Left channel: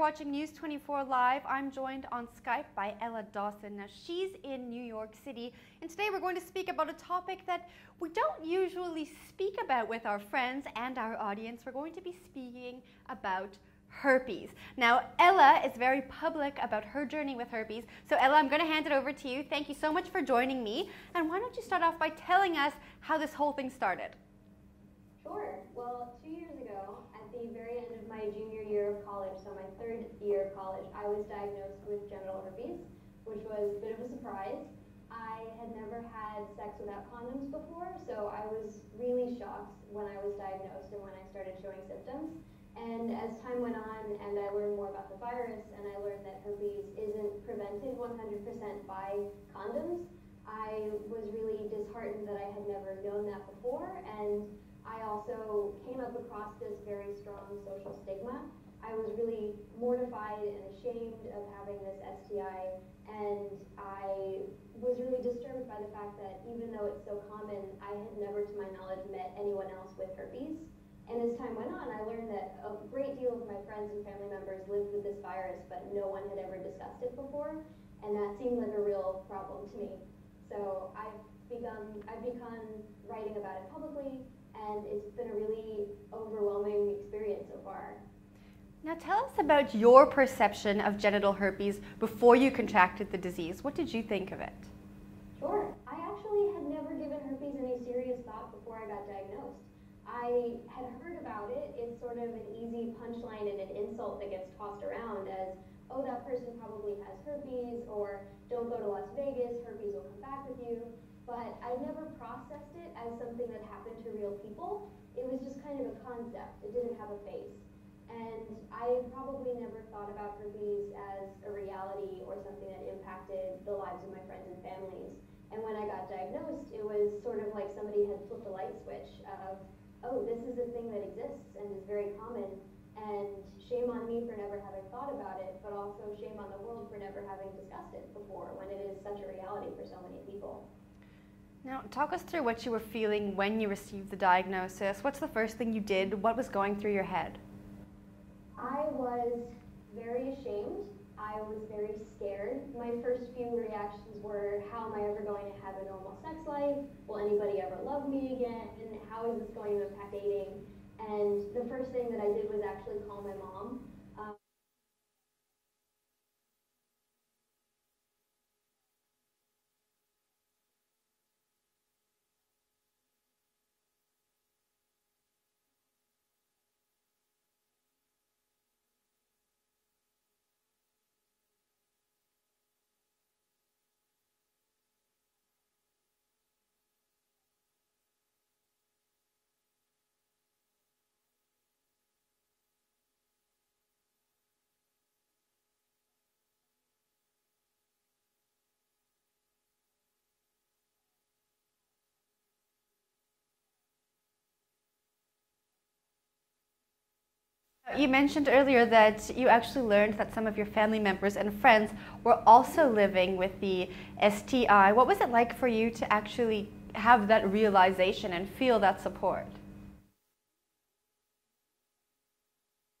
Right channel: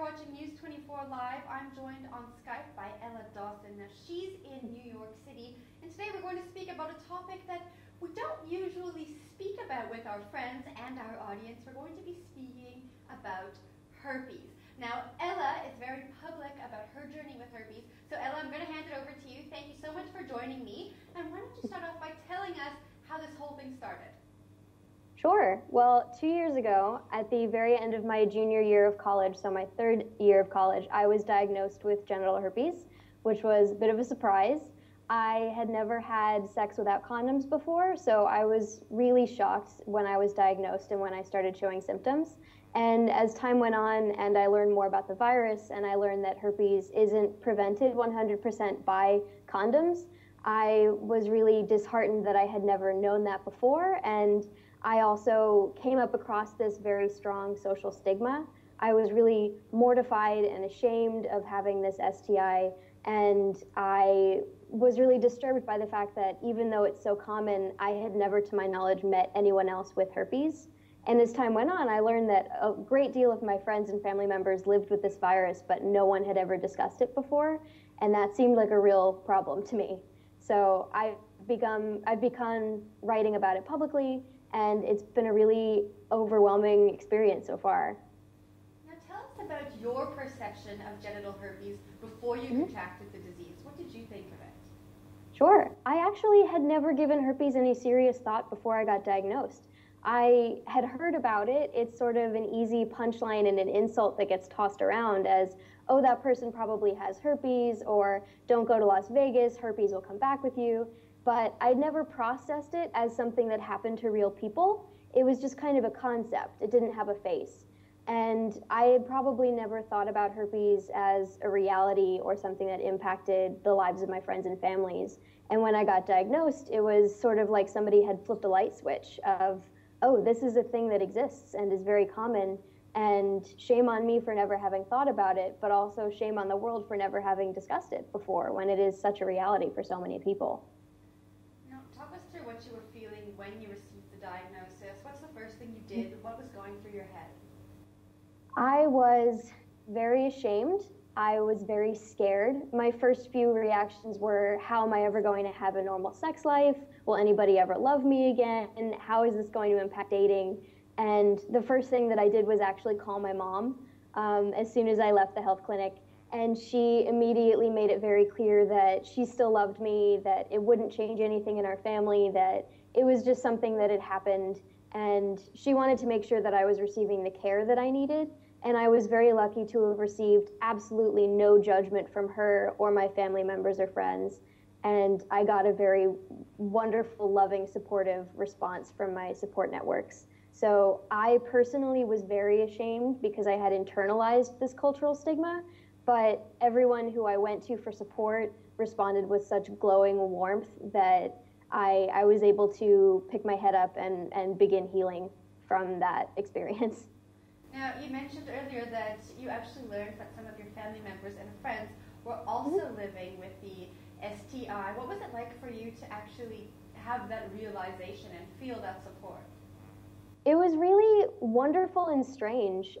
watching News 24 Live. I'm joined on Skype by Ella Dawson. Now, she's in New York City, and today we're going to speak about a topic that we don't usually speak about with our friends and our audience. We're going to be speaking about herpes. Now, Ella is very public about her journey with herpes. So, Ella, I'm going to hand it over to you. Thank you so much for joining me. And why don't you start off by telling us how this whole thing started? Sure. Well, 2 years ago, at the very end of my junior year of college, so my third year of college, I was diagnosed with genital herpes, which was a bit of a surprise. I had never had sex without condoms before, so I was really shocked when I was diagnosed and when I started showing symptoms. And as time went on and I learned more about the virus and I learned that herpes isn't prevented 100% by condoms, I was really disheartened that I had never known that before. And I also came up across this very strong social stigma. I was really mortified and ashamed of having this STI, and I was really disturbed by the fact that even though it's so common, I had never, to my knowledge, met anyone else with herpes. And as time went on, I learned that a great deal of my friends and family members lived with this virus, but no one had ever discussed it before, and that seemed like a real problem to me. So I've begun writing about it publicly, and it's been a really overwhelming experience so far. Now tell us about your perception of genital herpes before you contracted the disease. What did you think of it? Sure. I actually had never given herpes any serious thought before I got diagnosed. I had heard about it. It's sort of an easy punchline and an insult that gets tossed around as, oh, that person probably has herpes, or don't go to Las Vegas, herpes will come back with you. But I'd never processed it as something that happened to real people. It was just kind of a concept. It didn't have a face. And I had probably never thought about herpes as a reality or something that impacted the lives of my friends and families. And when I got diagnosed, it was sort of like somebody had flipped a light switch of, oh, this is a thing that exists and is very common, and shame on me for never having thought about it, but also shame on the world for never having discussed it before when it is such a reality for so many people. Now, talk us through what you were feeling when you received the diagnosis. What's the first thing you did? What was going through your head? I was very ashamed. I was very scared. My first few reactions were, how am I ever going to have a normal sex life? Will anybody ever love me again? And how is this going to impact dating? And the first thing that I did was actually call my mom as soon as I left the health clinic. And she immediately made it very clear that she still loved me, that it wouldn't change anything in our family, that it was just something that had happened. And she wanted to make sure that I was receiving the care that I needed. And I was very lucky to have received absolutely no judgment from her or my family members or friends. And I got a very wonderful, loving, supportive response from my support networks. So I personally was very ashamed because I had internalized this cultural stigma. But everyone who I went to for support responded with such glowing warmth that I was able to pick my head up and begin healing from that experience. Now, you mentioned earlier that you actually learned that some of your family members and friends were also living with the STI. What was it like for you to actually have that realization and feel that support? It was really wonderful and strange.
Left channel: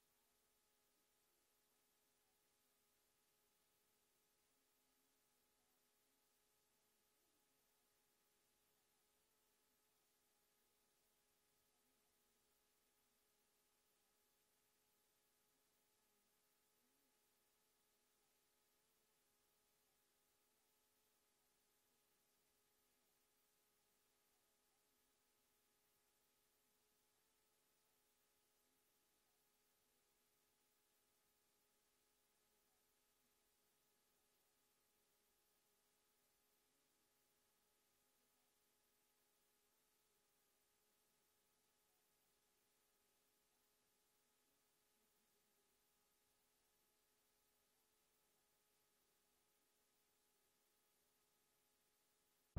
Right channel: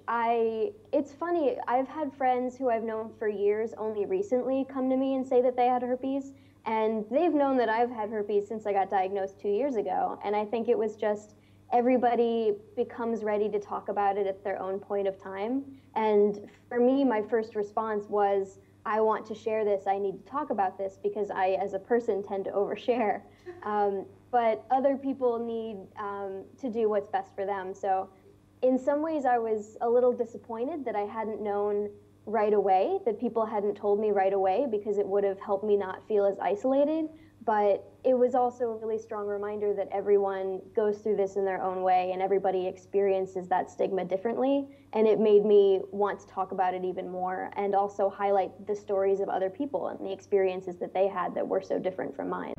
It's funny, I've had friends who I've known for years only recently come to me and say that they had herpes, and they've known that I've had herpes since I got diagnosed 2 years ago. And I think it was just everybody becomes ready to talk about it at their own point of time. And for me, my first response was, I want to share this, I need to talk about this, because I, as a person, tend to overshare. But other people need to do what's best for them. So in some ways, I was a little disappointed that I hadn't known right away, that people hadn't told me right away, because it would have helped me not feel as isolated. But it was also a really strong reminder that everyone goes through this in their own way, and everybody experiences that stigma differently. And it made me want to talk about it even more, and also highlight the stories of other people and the experiences that they had that were so different from mine.